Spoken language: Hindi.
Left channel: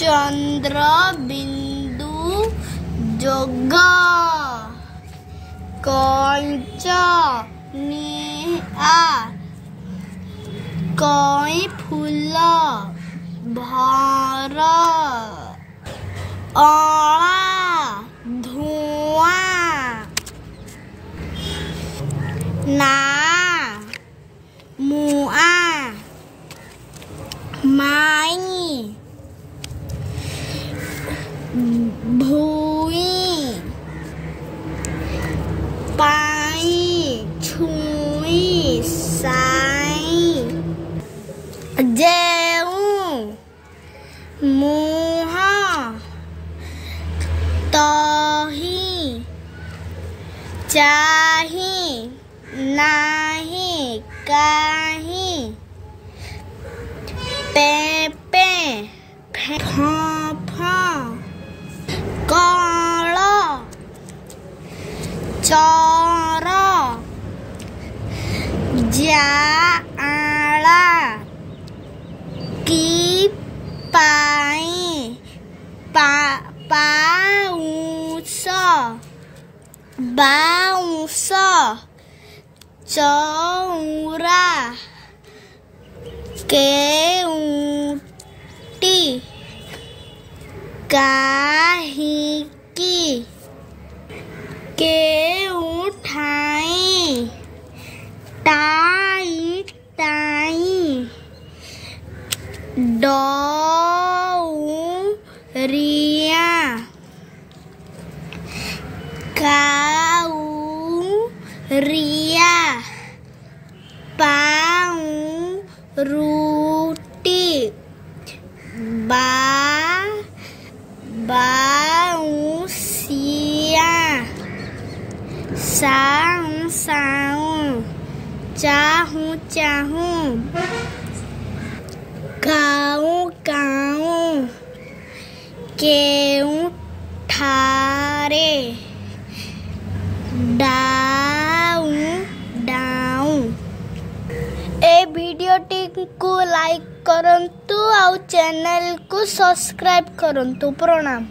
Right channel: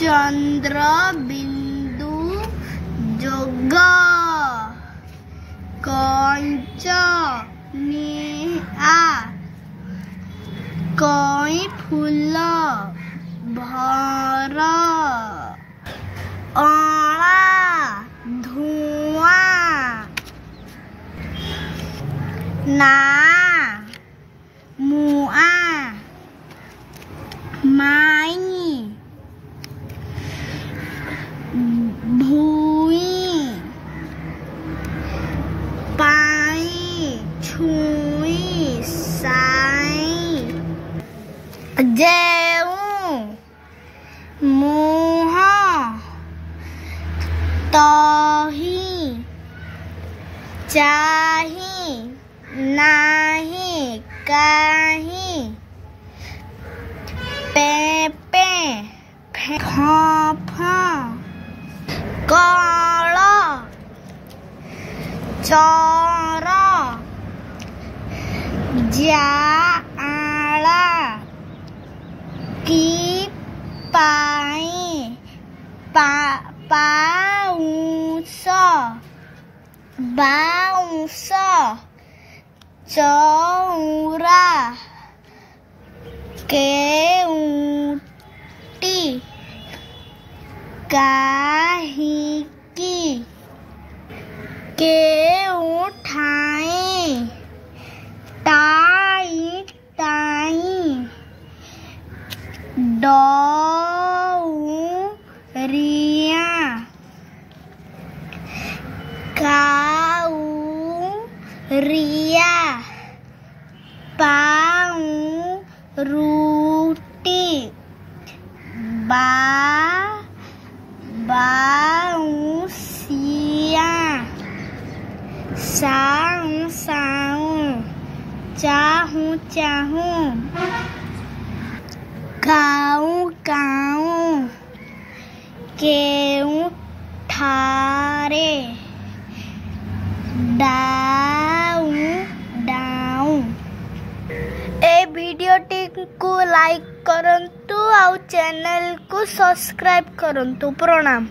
चंद्र बिंदु जोग कंच निआ कई फूल भर अला धुआं ना मुआ माई भूई पाई छुई साई जेऊ मुँह तही चाही नाही काही पे फ कल चर जाला की पाई पाउस बाउंस चौरा केउटी काहिकी केउठाई टाई टाई डौरिया काउरिया पाउरुटी बाउंसिया साऊं साऊं चाहूं चाहूं गाऊं गाऊं केऊं ठारे डाऊं डाऊं। ए वीडियोटी को लाइक करंतु आउ चैनल को सब्सक्राइब करंतु। प्रणाम।